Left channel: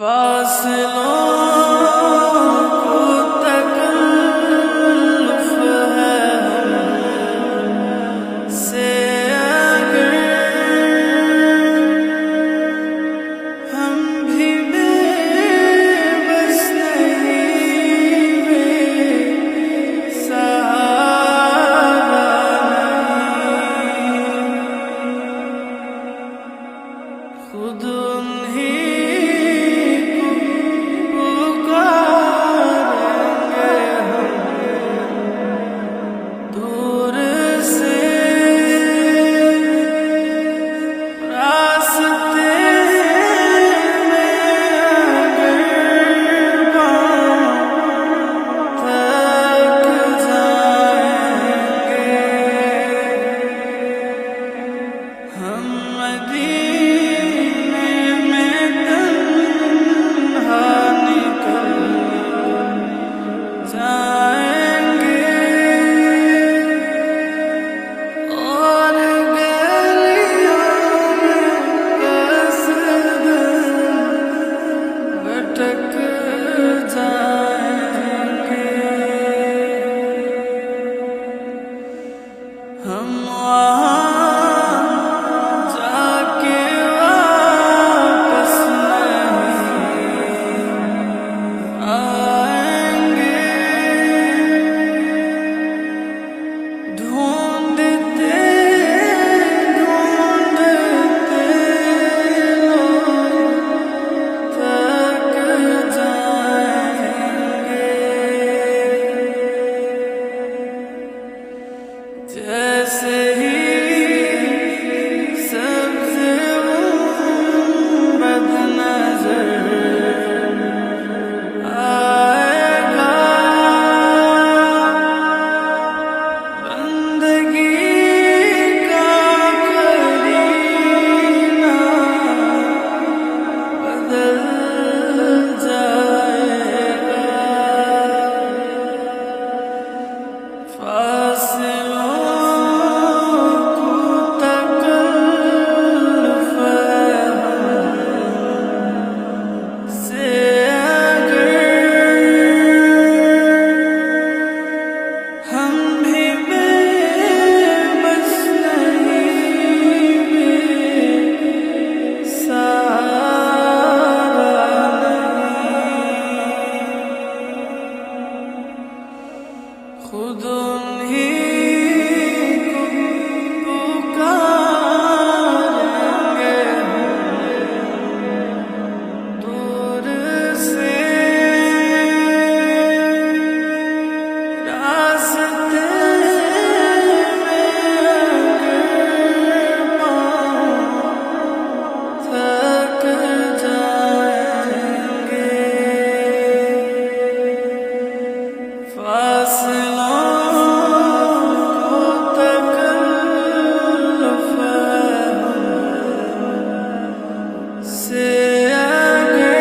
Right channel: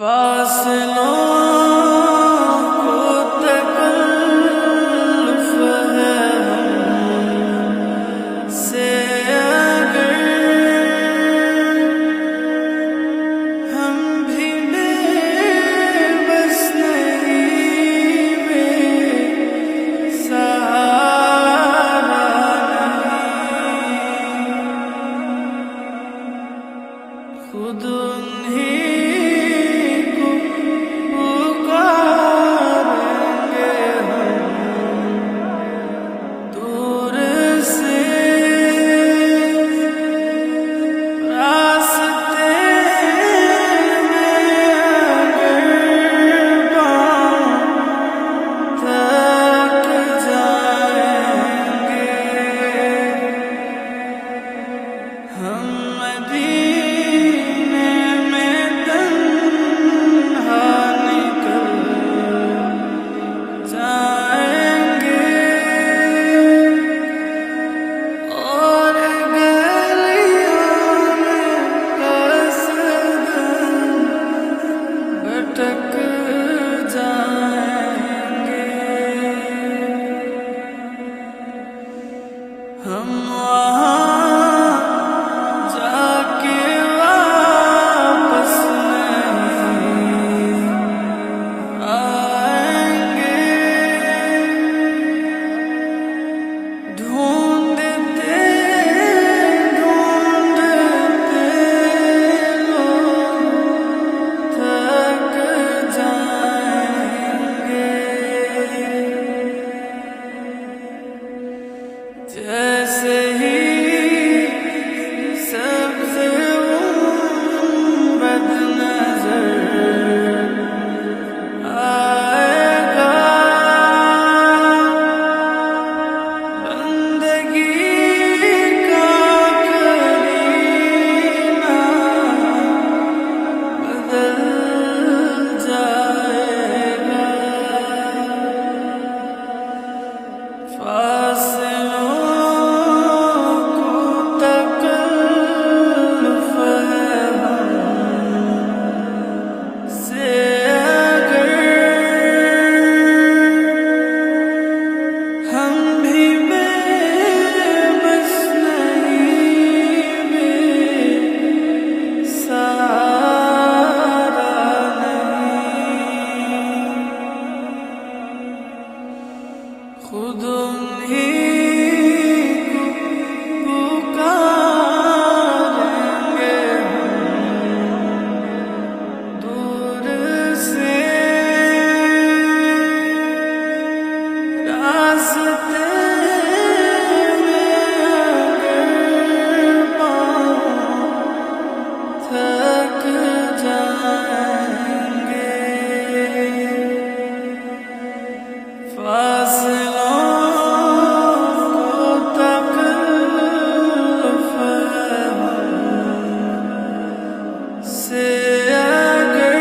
फासलों को तकल्लुफ़ है हमसे, अगर हम भी बेबस नहीं, बेसहारा नहीं, खुद उन्हीं पुकारेंगे हम दूर से, रास्ते में अगर पाँव थक जाएंगे, हम मदीने में तन्हा निकल जाएंगे, और गलियों में कसदन भटक जाएंगे। हम वहाँ जाके वापस नहीं आएंगे, ढूंढते ढूंढते लोग थक जाएंगे, जैसे ही सब्ज़े गुंबद नजर आएगा, बंदगी का करीना बदल जाएगा। फासलों को तकल्लुफ़ है हमसे, अगर हम भी बेबस नहीं, बेसहारा नहीं, खुद उन्हीं को पुकारेंगे हम दूर से, रास्ते में अगर पाँव थक जाएंगे, फासलों को तकल्लुफ़ है हमसे, अगर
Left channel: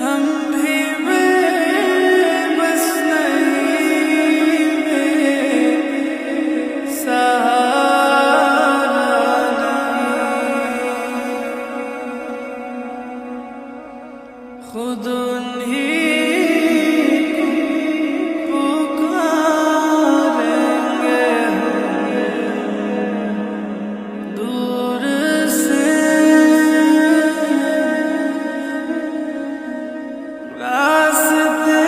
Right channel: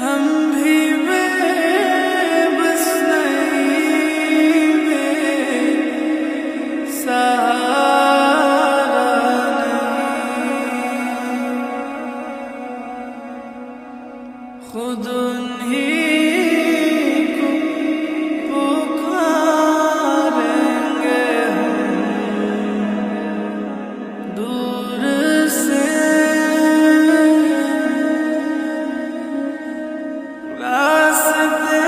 हम भी बेबस नहीं, बेसहारा नहीं, खुद उन्हीं को पुकारेंगे हम दूर से, रास्ते